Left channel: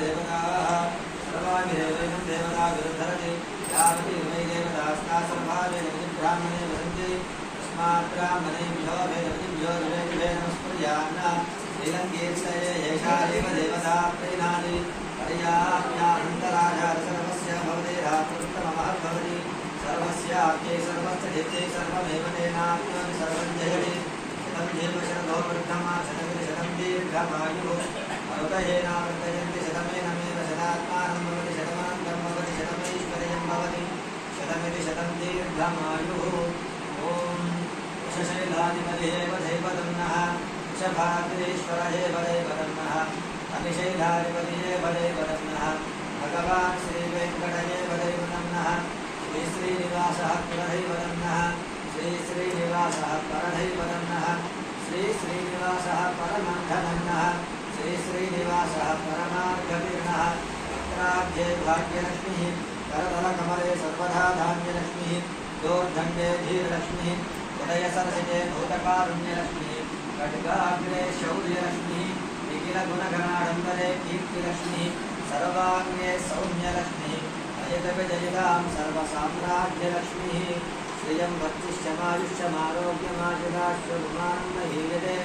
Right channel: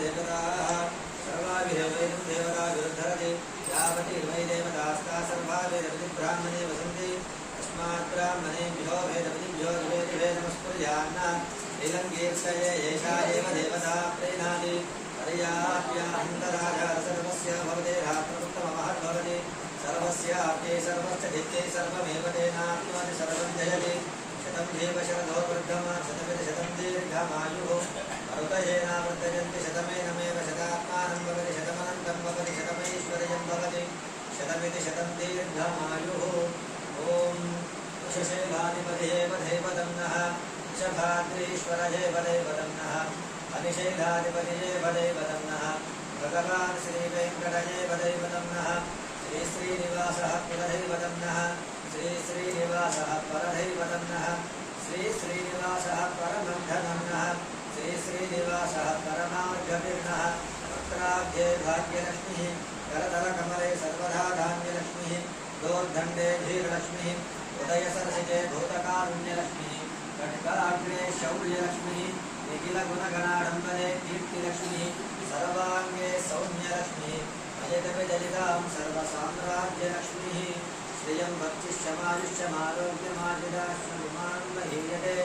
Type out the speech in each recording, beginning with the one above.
देवताः सर्वाभिदेवैनं देवता विरुद्धरति यावति वै देवतास्ता सर्वा वेदवति ब्राह्मणे वसन्ति तस्मात् ब्राह्मणेभ्यो वेदवतिभ्यो विवेदनमस्कुर्यान्न नीलङ्कीर्षये एषा एव देवता प्रीणाति पर्याप्यान्तराजाः सर्वस्य भवते रात्रोत्तममहद्भवति सर्वस्याप्ये सर्वस्य जित्ते सर्वमेव तेनाप्नोति सर्वं जयति शतं जीव शरदो वर्धमा शतमिति शतं दीर्घमायुः मरुतयेनावर्तयन्ति शतमेनमेव शतात्मानं भवति शतमनन्तं भवति शतमैश्वर्यं भवति शतमिति शतं दीर्घमायुः ॐ वृषशैलाधिपतिये वधेपदं नः वृषभाद्रीश्वरये वदेपदं नः अनिशैलाधिपतिये वदेपदं नः भगवान् श्रीवेङ्कटये वदेपदं नः श्रीश्रीनिवासः कुलदैवतं नः श्रीश्रीनिवासः परदैवतं नः श्रीश्रीनिवासः परमन्धनं नः श्रीश्रीनिवासः परमार्गवीर्णः वक्त्राब्धे भाग्यलक्ष्मीः करतलकमले सर्वदा धान्यलक्ष्मीः दोर्दण्डे धीरलक्ष्मीः उदयसरसिजे भूतकारुण्यलक्ष्मीः कटिकाग्रे शौर्यलक्ष्मीः निखिलगुणगणाडम्बरे कीर्तिलक्ष्मीः सर्वाङ्गे सौम्यलक्ष्मीः अयतविजयितां सर्वसाम्राज्यलक्ष्मीः श्रियं भक्तिश्चमायुष्यमारोग्यमायुधाश्वमानं महीयते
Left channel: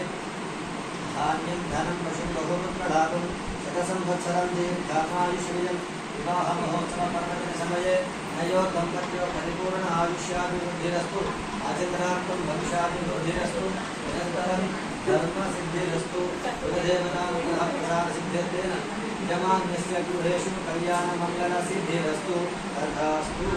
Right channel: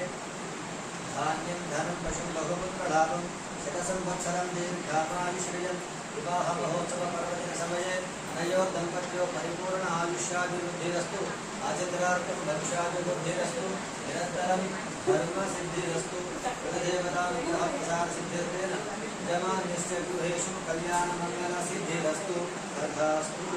धान्यं धनं पशुं बहुमुत्कडापं शतसंवत्सरं दीर्घामायुश्रियं विवाहमहोत्सवपर्वदिनसमये अनयोः दम्पत्योः परिपूर्ण आयुष्याभिवृद्धिरस्तु आचन्द्रार्थं भविष्याभिवृद्धिरस्तु निरन्तरं धर्मसिद्धिरस्तु कुलदेवतानुग्रहप्रसादसिद्ध्यर्थेन यजमान्यस्य गृहेषु कल्याणमङ्गलसिद्धिरस्तु तथास्तु।